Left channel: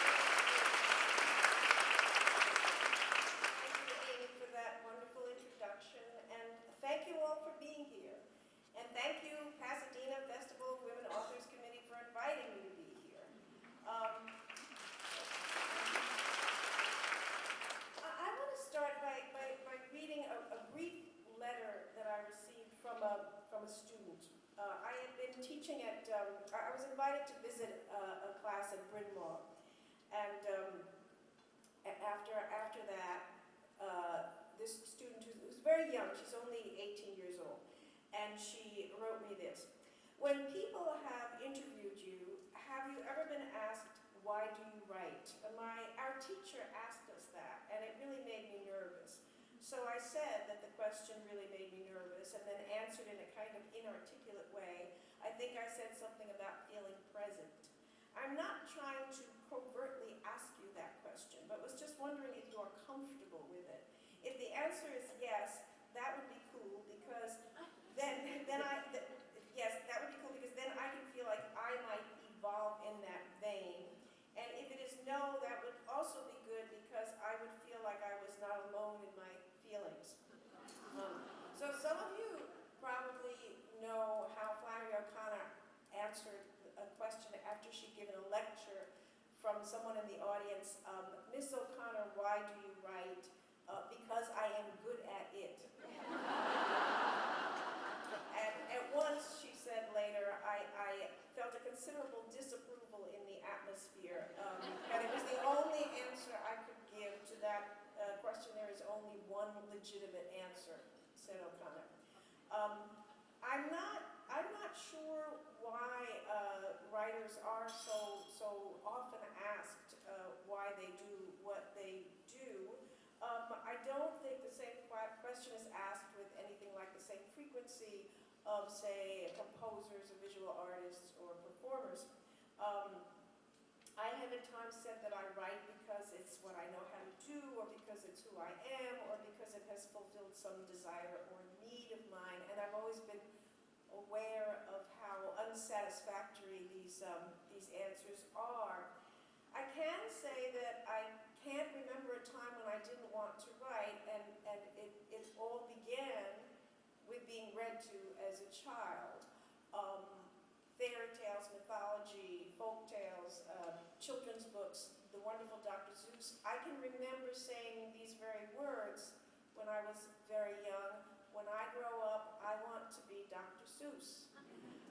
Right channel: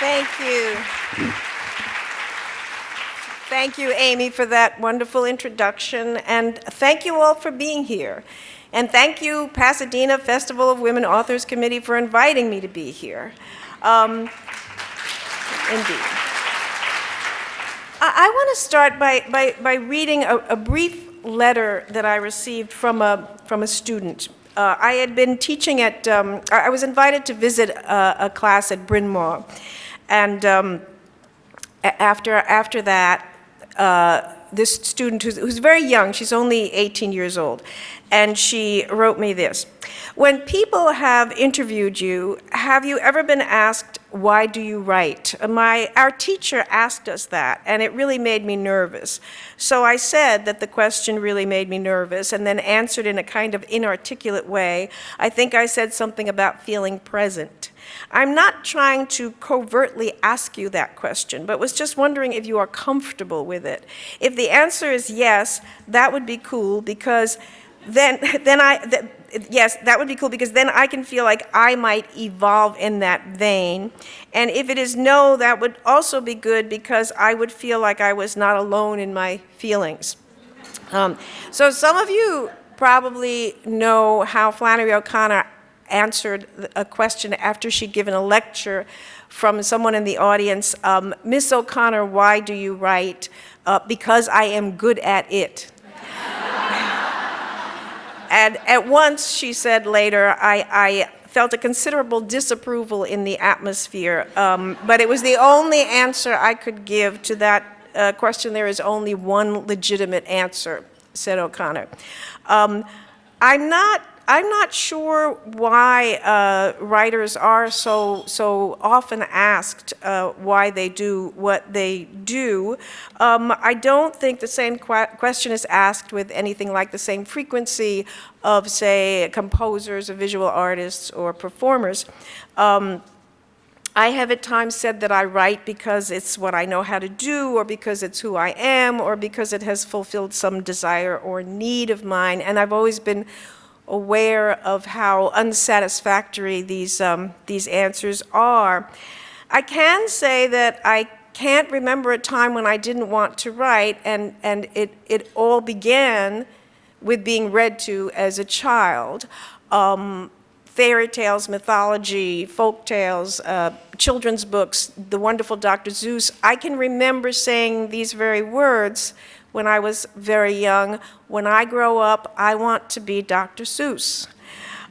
Thank you. Thank you, Amy, for that wonderful introduction, and thank you all for being here. And thank you, Pasadena Festival of Women Authors Committee, for inviting me to be here. Indeed. I want to start by reading a brief letter that I received from a student. I had been teaching at, I was invited to visit a class at Bryn Mawr. And after that, this student who's very young, she's only 18 years old, and she wrote me this. When people have interviewed you, have you ever been asked, why do you write? Our teacher asked us that, and it really made me nervous. So I said that the question really made me nervous, and then answered in a kind of inarticulate way. I think I said something about feeling present. I'm not trying to covertly ask you that question, but was just wondering if you are comfortable with it. If the answer is yes, that would be cool, because yes, that would be cool, because then I can feel like I might evolve in that vein. And if it is no, that would also be good, because I would feel like I was not alone in my feelings. So some of you probably know how Flannery O'Connor answered a question after she'd given a lecture from someone in the audience. Miss O'Connor, why do you write? Because I am good at it. And at once, she said later, I felt a considerable disapproval in the atmosphere, but it was the only answer I could give to that question. There is only one legitimate answer, said O'Connor. I'm not sure why writers are so often asked why they do what they do. I don't think the same question is asked with anything like the same frequency of, say, composers or visual artists or performers. I have at times said that I write because it's what I know how to do, or because it's who I am, or because it has fulfilled some desire or need of mine, and I've always been aware of how unsatisfactory these answers are. I can say that I can't remember a time when I didn't want to write, and it all began with being read to as a child. Fairy tales, mythology, folk tales, children's books, the wonderful Dr. Seuss. I can remember saying these very words when I was very young. When I grow up, I want to be Dr. Seuss.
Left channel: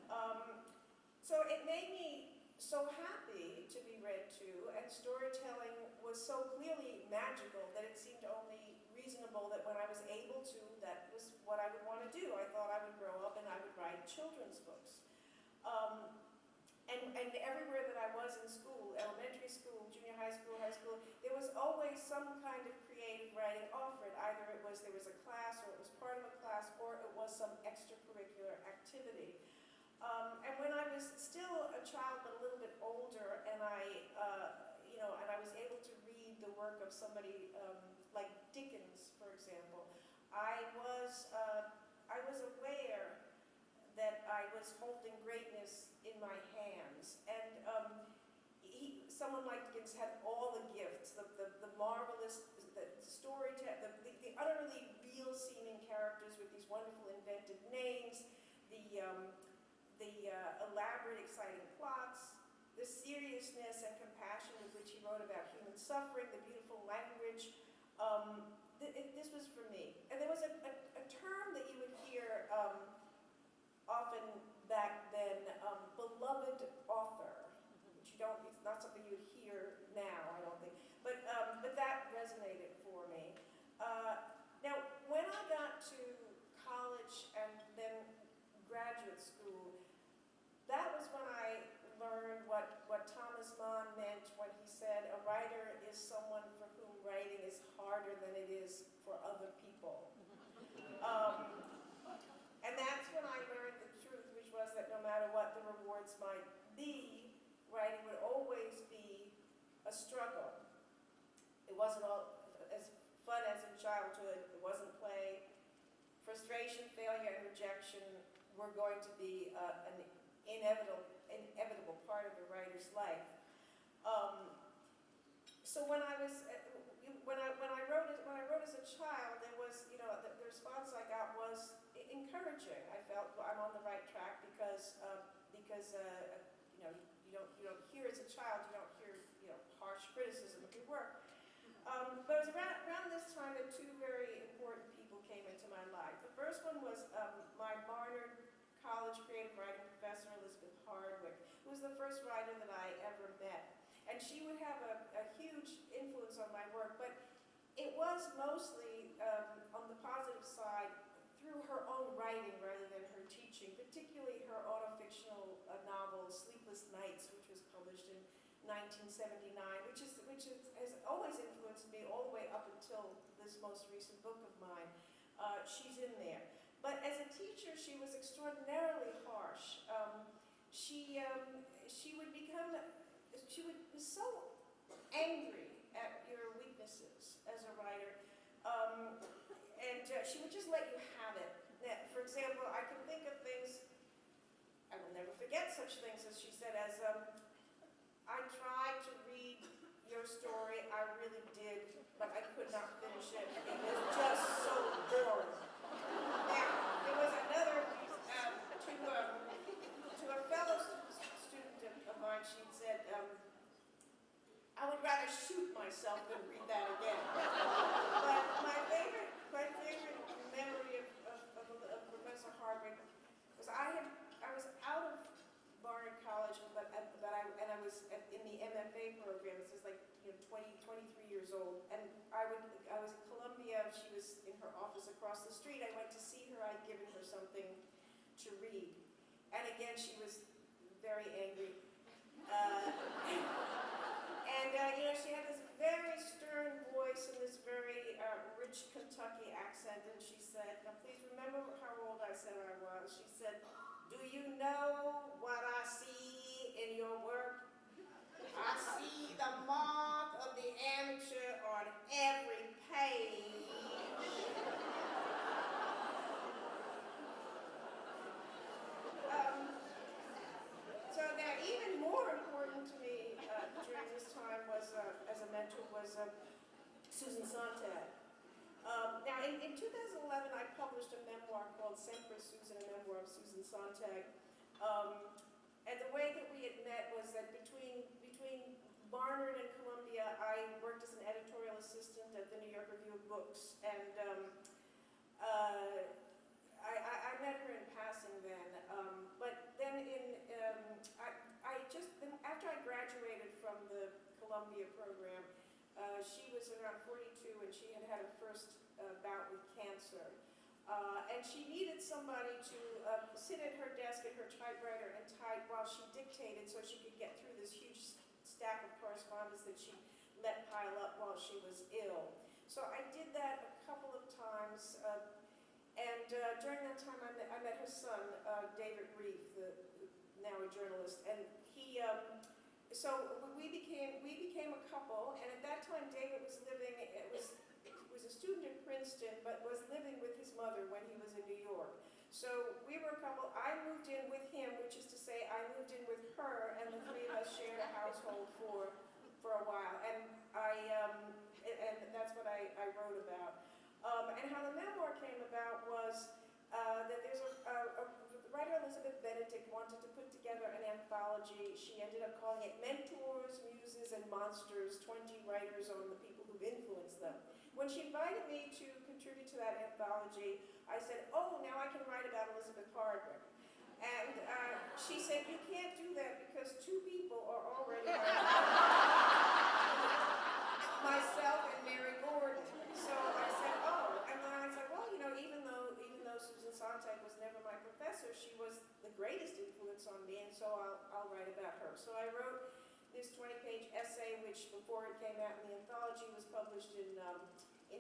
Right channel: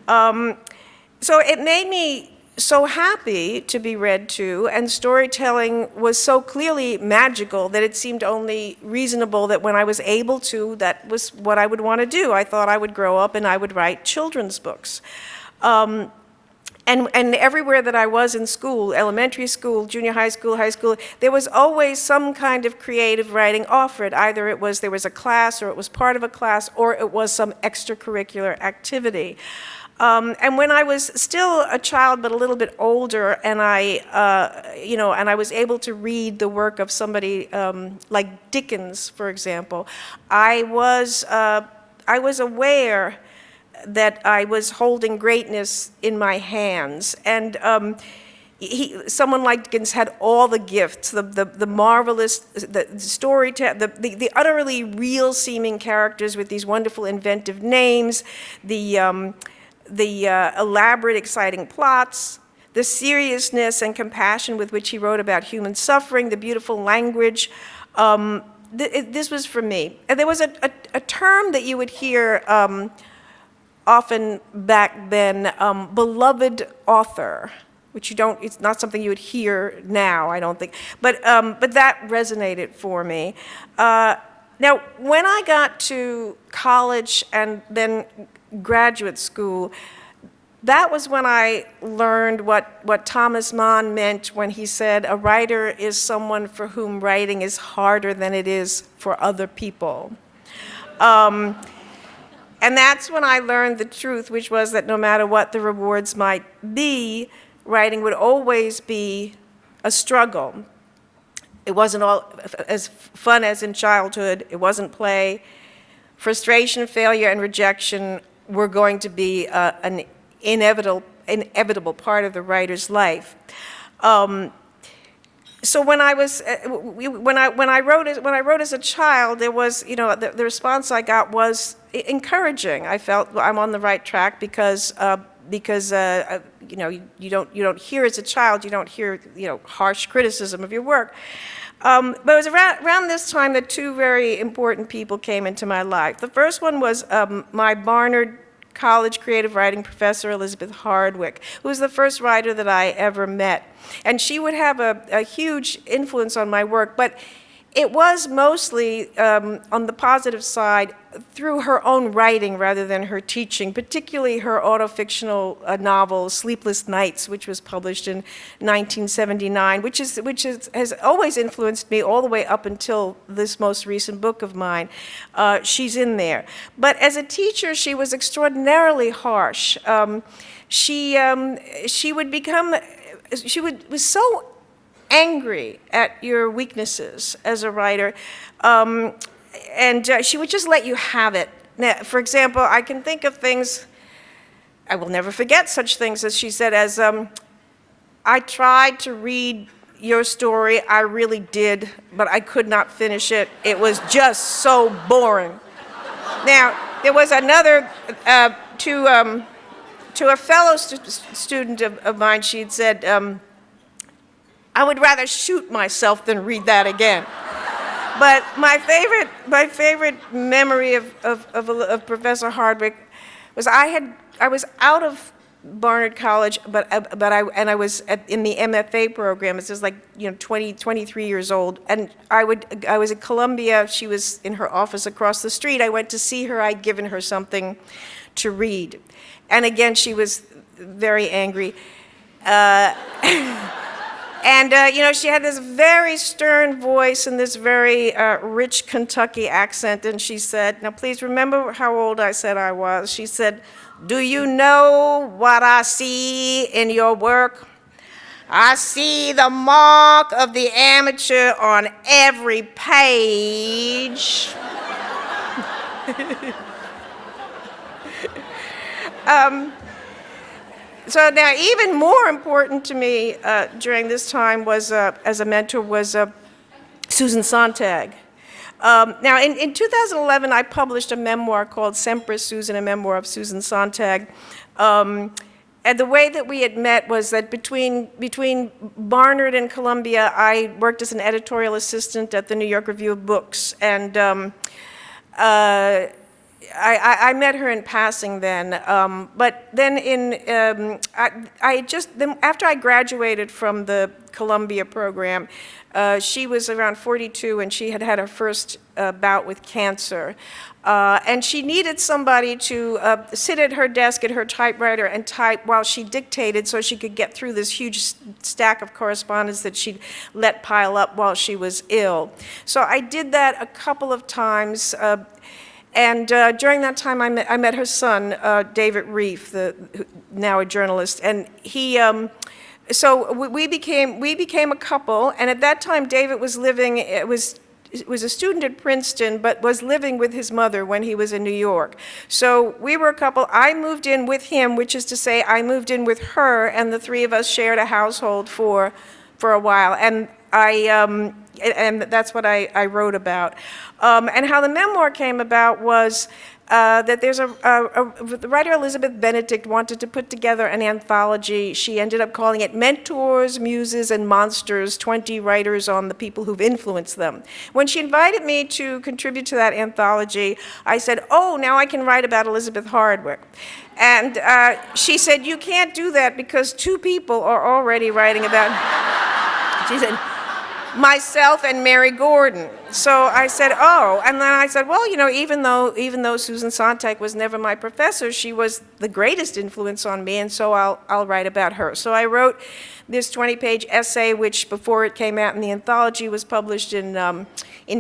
So it made me so happy to be read to, and storytelling was so clearly magical that it seemed only reasonable that when I was able to, that was what I would want to do. I thought I would grow up and I would write children's books. And everywhere that I was in school, elementary school, junior high school, there was always some kind of creative writing offered. Either there was a class, or it was part of a class, or it was some extracurricular activity. And when I was still a child, but a little bit older, and I was able to read the work of somebody like Dickens, for example, I was aware that I was holding greatness in my hands. And someone like Dickens had all the gifts, the marvelous, the storytelling, the utterly real-seeming characters with these wonderful inventive names, the elaborate, exciting plots, the seriousness and compassion with which he wrote about human suffering, the beautiful language. This was for me. And there was a term that you would hear often back then, beloved author, which it's not something you would hear now, I don't think, but that resonated for me. Now, when I got to college and then graduate school, that was when I learned what Thomas Mann meant when he said, a writer is someone for whom writing is harder than it is for other people. And that's when I learned the truth, which was that no matter what the rewards might be, writing would always be a struggle. It wasn't all as fun as in childhood. It wasn't play. Frustration, failure, and rejection were going to be an inevitable part of the writer's life. so when I was when I wrote as a child, there was, the response I got was encouraging. I felt I'm on the right track because you don't hear as a child, you don't hear harsh criticism of your work. But it was around this time that two very important people came into my life. The first one was my Barnard College creative writing professor, Elizabeth Hardwick, who was the first writer that I ever met. And she would have a huge influence on my work, but it was mostly, on the positive side, through her own writing rather than her teaching, particularly her autofictional novel, Sleepless Nights, which was published in 1979, which has always influenced me all the way up until this most recent book of mine. She's in there. But as a teacher, she was extraordinarily harsh. She was so angry at your weaknesses as a writer, and she would just let you have it. Now, for example, I can think of things, I will never forget such things as she said as, I tried to read your story, I really did, but I could not finish it. It was just so boring. Now, there was another, to a fellow student of mine, she'd said, I would rather shoot myself than read that again. But my favorite memory of Professor Hardwick was I was out of Barnard College, but I was in the MFA program. This is like 23 years old, and I was at Columbia. She was in her office across the street. I went to see her. I'd given her something to read, and again she was very angry. And, she had this very stern voice and this very rich Kentucky accent, and she said, now please remember how old I said I was. She said, do you know what I see in your work? I see the mark of the amateur on every page. So now, even more important to me during this time was, as a mentor, was Susan Sontag. Now, in 2011, I published a memoir called Sempre Susan, a memoir of Susan Sontag. And the way that we had met was that between Barnard and Columbia, I worked as an editorial assistant at the New York Review of Books. And I met her in passing then, but then after I graduated from the Columbia program, she was around 42 and she had had her first bout with cancer. And she needed somebody to sit at her desk at her typewriter and type while she dictated so she could get through this huge stack of correspondence that she'd let pile up while she was ill. So I did that a couple of times. And during that time, I met her son, David Reef, now a journalist, and he. So we became a couple. And at that time, David was living. Was a student at Princeton, but was living with his mother when he was in New York. So we were a couple. I moved in with him, which is to say, I moved in with her, and the three of us shared a household for a while. And and that's what I wrote about. And how the memoir came about was that there's the writer Elizabeth Benedict wanted to put together an anthology. She ended up calling it Mentors, Muses, and Monsters, 20 Writers on the People Who've Influenced Them. When she invited me to contribute to that anthology, I said, oh, now I can write about Elizabeth Hardwick. And she said, you can't do that because two people are already writing about, she said, myself and Mary Gordon. So I said, oh, and then I said, well, even though Susan Sontag was never my professor, she was the greatest influence on me, and so I'll write about her. So I wrote this 20-page essay, which before it came out in the anthology was published in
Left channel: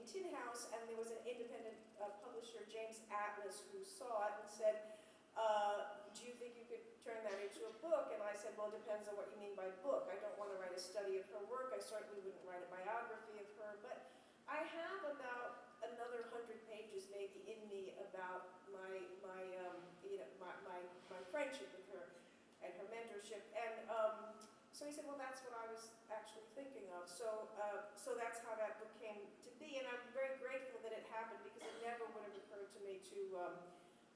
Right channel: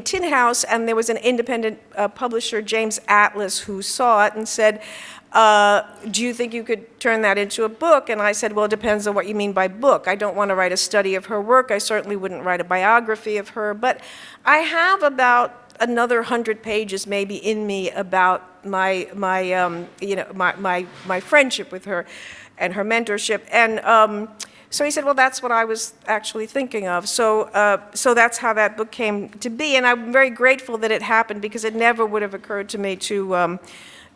Tin House, and there was an independent publisher, James Atlas, who saw it and said, do you think you could turn that into a book? And I said, well, it depends on what you mean by book. I don't want to write a study of her work. I certainly wouldn't write a biography of her. But I have about another 100 pages maybe in me about my friendship with her and her mentorship. And So he said, well, that's what I was actually thinking of. So that's how that book came to be, and I'm very grateful that it happened, because it never would have occurred to me to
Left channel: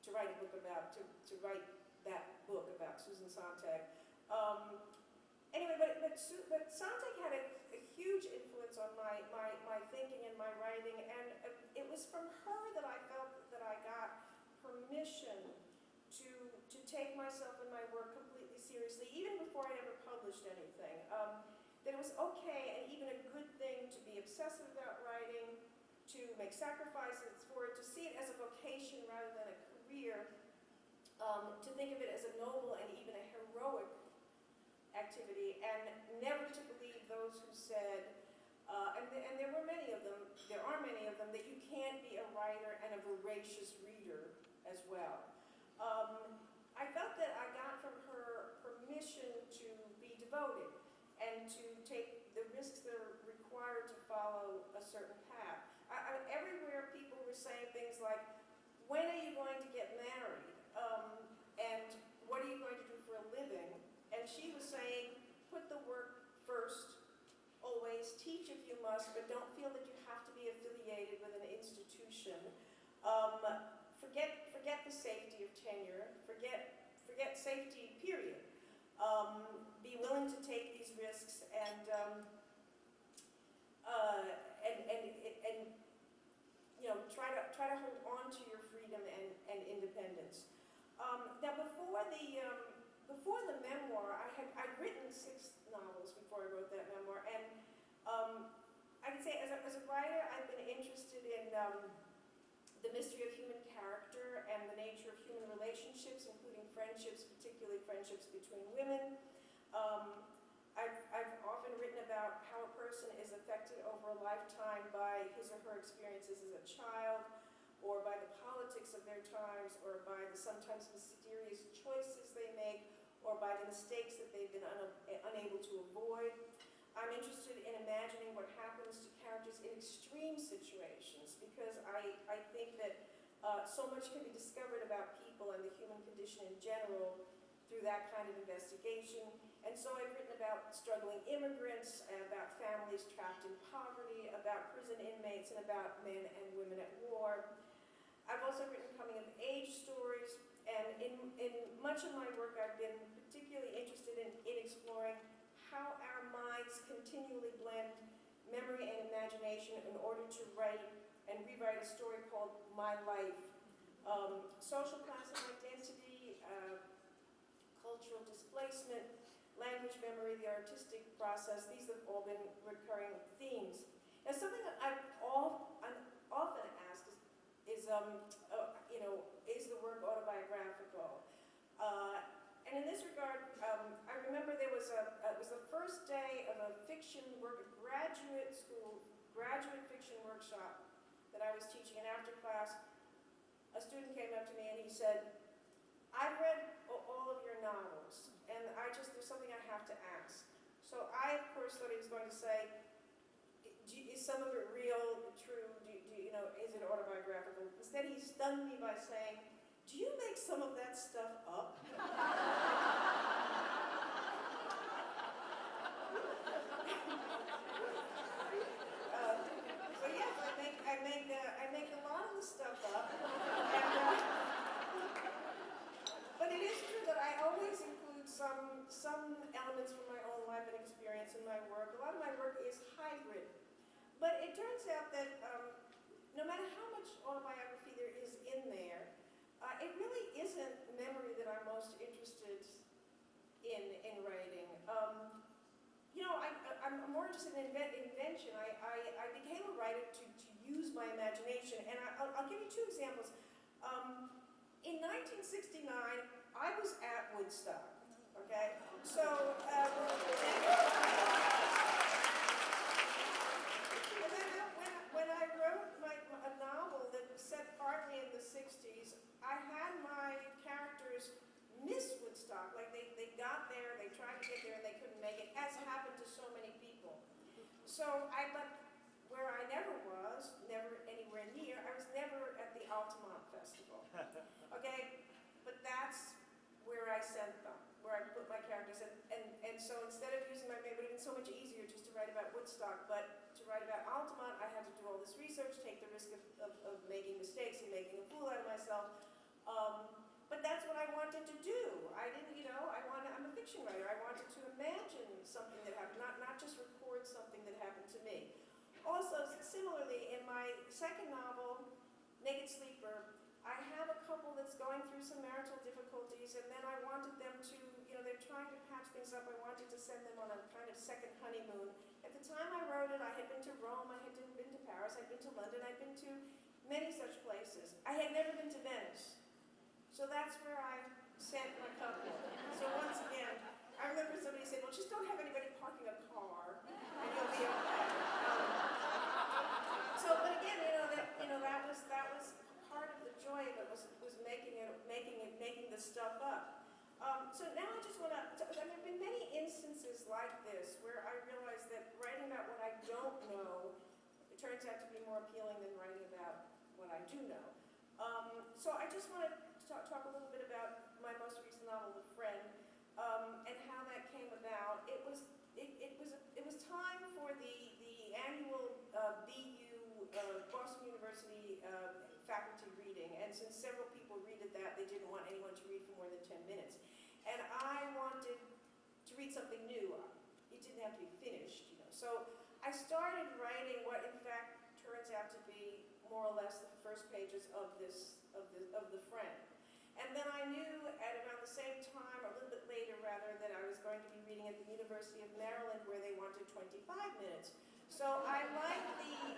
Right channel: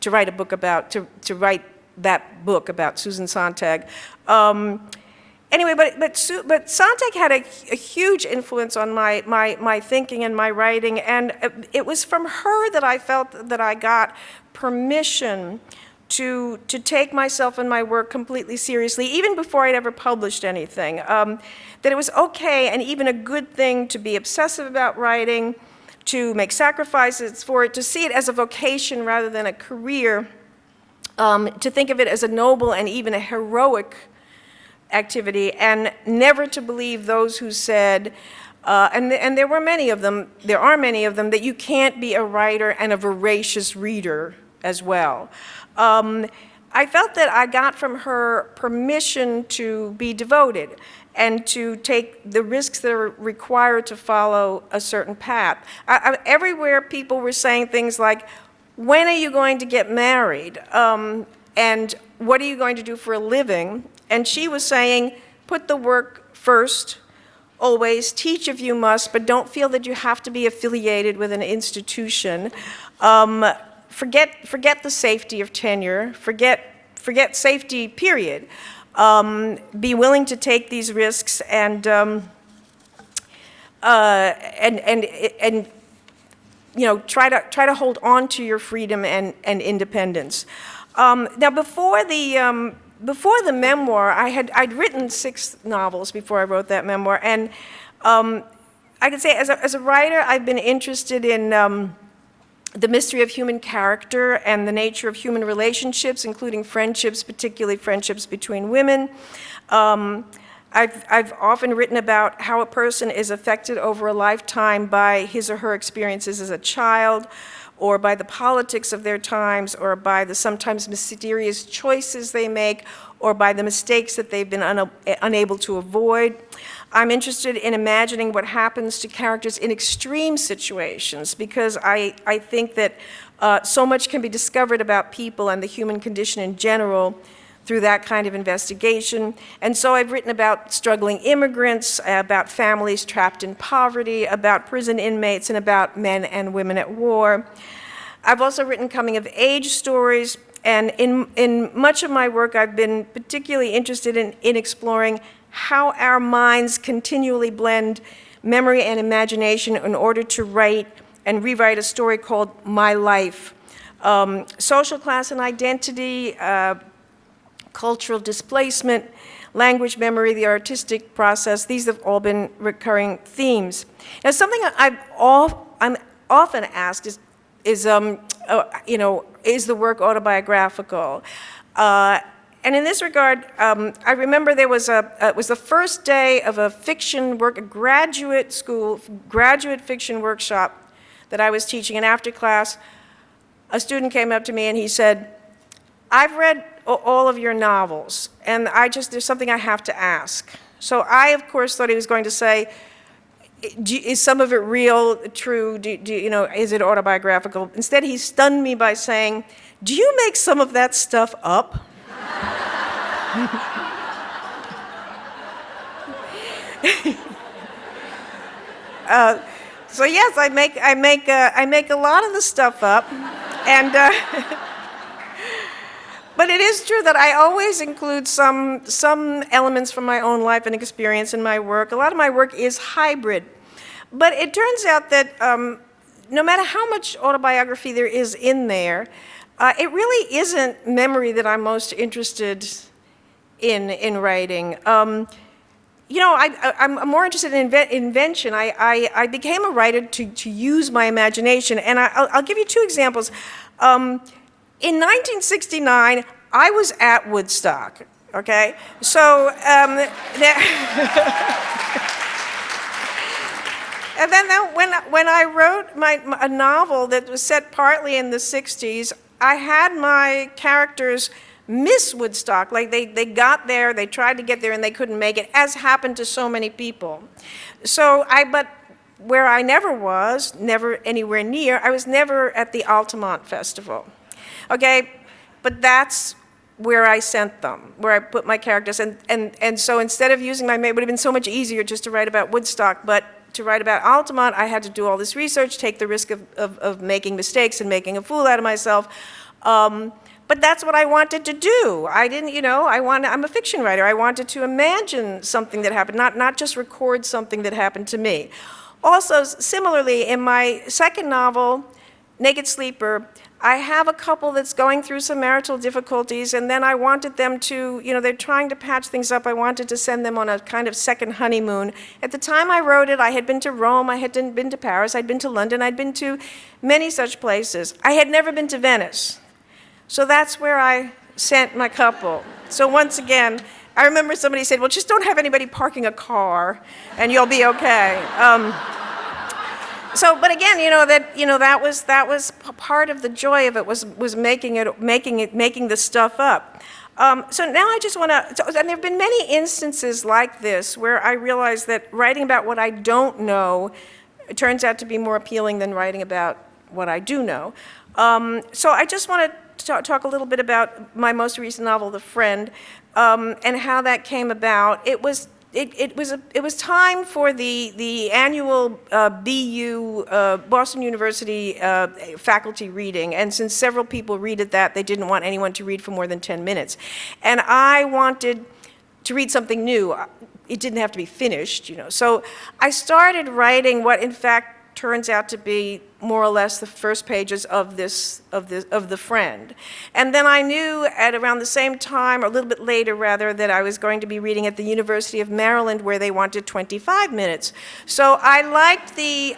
write a book about, to write that book about Susan Sontag. Anyway, but Sontag had a huge influence on my thinking and my writing, and it was from her that I felt that I got permission to take myself and my work completely seriously, even before I'd ever published anything. That it was okay and even a good thing to be obsessive about writing, to make sacrifices for it, to see it as a vocation rather than a career, to think of it as a noble and even a heroic activity, and never to believe those who said, and there were many of them, there are many of them, that you can't be a writer and a voracious reader as well. I felt that I got from her permission to be devoted and to take the risks that are required to follow a certain path. Everywhere people were saying things like, when are you going to get married? And what are you going to do for a living? And she was saying, put the work first, always, teach if you must, but don't feel that you have to be affiliated with an institution. Forget the safety of tenure, forget safety, period. Be willing to take these risks and you know, try to hold on to your freedom and independence. Now, before the memoir, I'd written 6 novels before I wrote that memoir, and I could say as a writer, I've been interested in the mystery of human character and the nature of human relationships, including friendships, particularly friendships between women. I've often written about how a person is affected over a lifetime by his or her experiences as a child, or by the politics of their times, or by the sometimes mysterious choices they make, or by the mistakes that they've been unable to avoid. I'm interested in imagining what happens to characters in extreme situations, because I think that so much can be discovered about people and the human condition in general through that kind of investigation. And so I've written about struggling immigrants, about families trapped in poverty, about prison inmates, and about men and women at war. I've also written coming-of-age stories, and in much of my work, I've been particularly interested in exploring how our minds continually blend memory and imagination in order to write and rewrite a story called My Life. Social class and identity, cultural displacement, language memory, the artistic process, these have all been recurring themes. Now, something I'm often asked is you know, is the work autobiographical? And in this regard, I remember there was it was the first day of a fiction work, a graduate fiction workshop that I was teaching, and after class, a student came up to me and he said, I've read all of your novels, and there's something I have to ask. So I, of course, thought he was going to say, is some of it real, true, you know, is it autobiographical? Instead, he stunned me by saying, do you make some of that stuff up? So yes, I make a lot of the stuff up, and but it is true that I always include some elements from my own life and experience in my work. A lot of my work is hybrid, but it turns out that no matter how much autobiography there is in there, it really isn't memory that I'm most interested in writing. You know, I'm more interested in invention. I became a writer to use my imagination, and I'll give you 2 examples. In 1969, I was at Woodstock, okay? So, and then when I wrote a novel that was set partly in the 60s, I had my characters miss Woodstock. Like they got there, they tried to get there, and they couldn't make it, as happened to so many people. So but where I never was, never anywhere near, I was never at the Altamont Festival. Okay, but that's where I sent them, where I put my characters. And so instead of using it would have been so much easier just to write about Woodstock, but to write about Altamont, I had to do all this research, take the risk of making mistakes and making a fool out of myself. But that's what I wanted to do. I didn't, I'm a fiction writer. I wanted to imagine something that happened, not just record something that happened to me. Also, similarly, in my second novel, Naked Sleeper, I have a couple that's going through some marital difficulties, and then I wanted them to, they're trying to patch things up. I wanted to send them on a kind of second honeymoon. At the time I wrote it, I had been to Rome, I had been to Paris, I'd been to London, I'd been to many such places. I had never been to Venice. So that's where I sent my couple. So once again, I remember somebody said, well, just don't have anybody parking a car, and you'll be okay. But again, that was part of the joy of it was making the stuff up. So now I just want to, and there have been many instances like this where I realized that writing about what I don't know turns out to be more appealing than writing about what I do know. So I just want to talk a little bit about my most recent novel, The Friend, and how that came about. It was time for the annual BU Boston University faculty reading, and since several people read it they didn't want anyone to read for more than 10 minutes. And I wanted to read something new. It didn't have to be finished, So I started writing what in fact turns out to be more or less the first pages of The Friend. And then I knew at around the same time, or a little bit later rather, that I was going to be reading at the University of Maryland where they wanted 25 minutes. So I liked the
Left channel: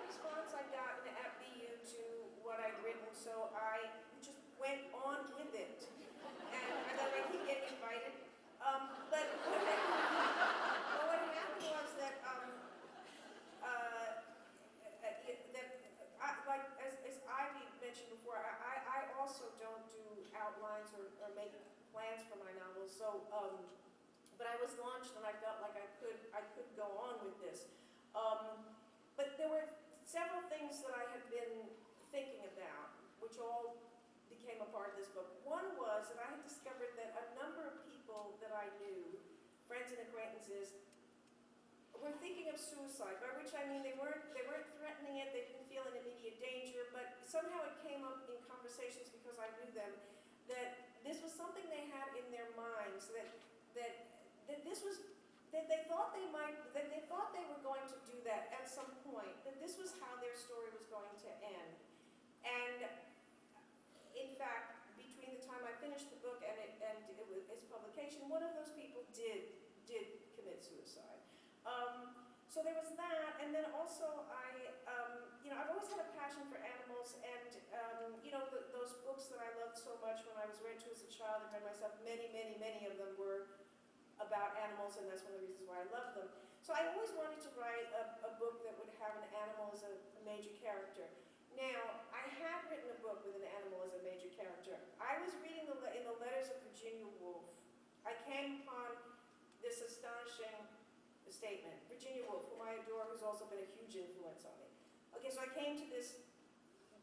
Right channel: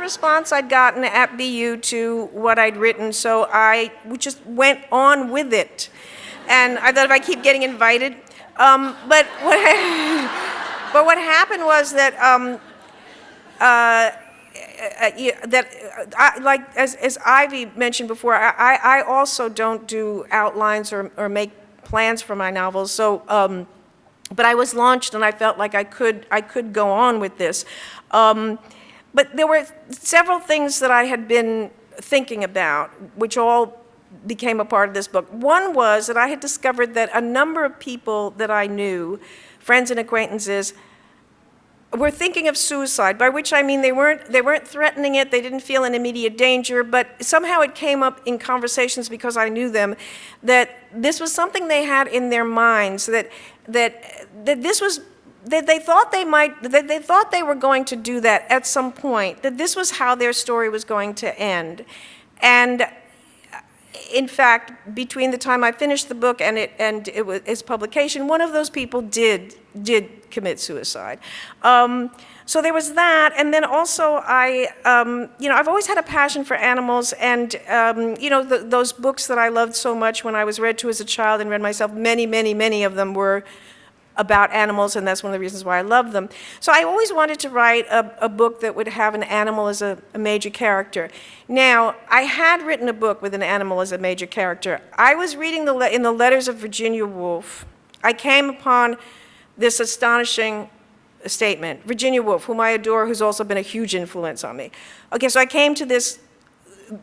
response I'd gotten at BU to what I'd written, so I just went on with it. And I thought if I keep getting invited, but what happened was that as Ivy mentioned before, I also don't do outlines or make plans for my novels. So, but I was launched, and I felt like I could go on with this. But there were several things that I had been thinking about, which all became a part of this book. One was that I had discovered that a number of people that I knew, friends and acquaintances, were thinking of suicide, by which I mean they weren't threatening it, they didn't feel an immediate danger, but somehow it came up in conversations because I knew them, that this was something they had in their minds, that this was, that they thought they were going to do that at some point, that this was how their story was going to end. And in fact, between the time I finished the book and its publication, one of those people did commit suicide. So there was that, and then also I've always had a passion for animals, and those books that I loved so much when I was read to as a child and read myself, many of them were about animals, and that's one of the reasons why I love them. So I always wanted to write a book that would have an animal as a major character. Now, I had written a book with an animal as a major character. I was reading in the letters of Virginia Woolf, I came upon this astonishing statement. Virginia Woolf, whom I adore, who's also been a huge influence on me. Okay, so I came to this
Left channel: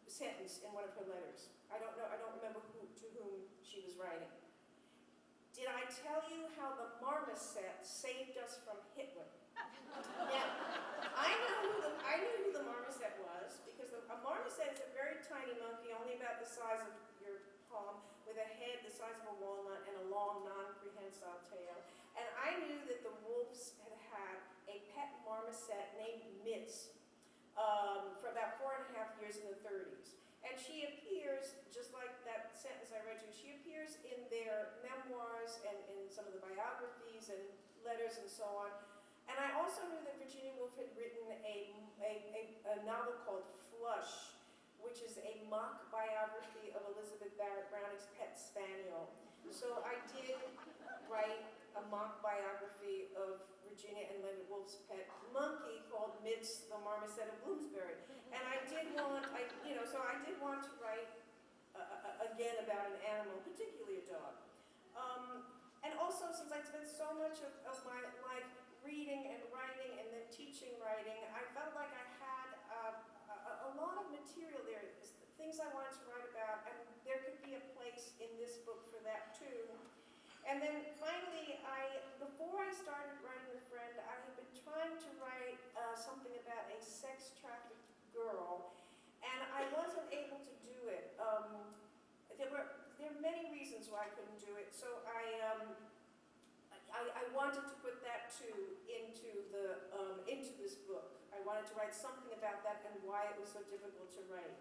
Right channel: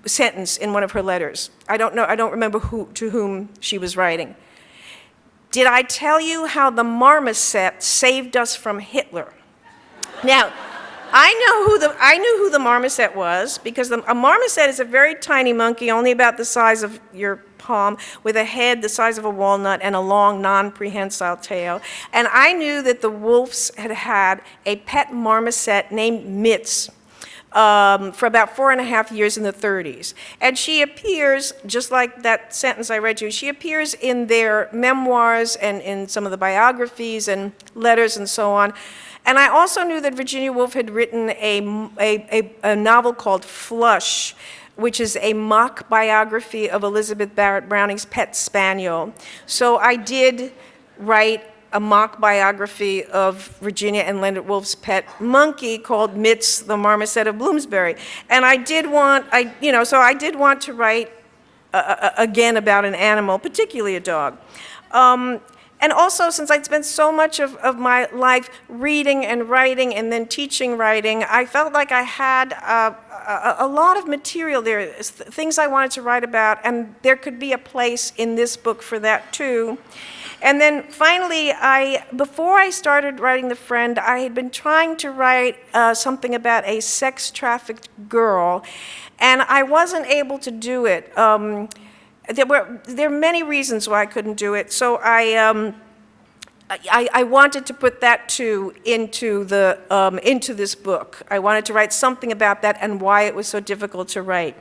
sentence in one of her letters. I don't remember to whom she was writing. Did I tell you how the marmoset saved us from Hitler? Now, I knew who the marmoset was, because a marmoset is a very tiny monkey, only about the size of your palm, with a head the size of a walnut and a long, non-prehensile tail. And I knew that the Wolfs had a pet marmoset named Mitz for about 4.5 years in the 30s. And she appears, just like that sentence I read you, she appears in their memoirs and in some of the biographies and letters and so on. And I also knew that Virginia Woolf had written a novel called Flush, which is a mock biography of Elizabeth Barrett Browning's pet spaniel. So I did write a mock biography of Virginia and Leonard Woolf's pet monkey called Mitz, the Marmoset of Bloomsbury. And I did want to write again about an animal, particularly a dog. And also, since I'd spent so much of my life reading and writing and then teaching writing, I felt like I had a lot of material there, things I wanted to write about, and there could be a place in this book for that too. And then finally, before I started writing The Friend, I had been trying to write something about a sex-trafficked girl, and I wasn't able to do it. There are many reasons why I couldn't do it, so I wanted to put that too into this book. I wanted to write something about that and why it was so difficult to write.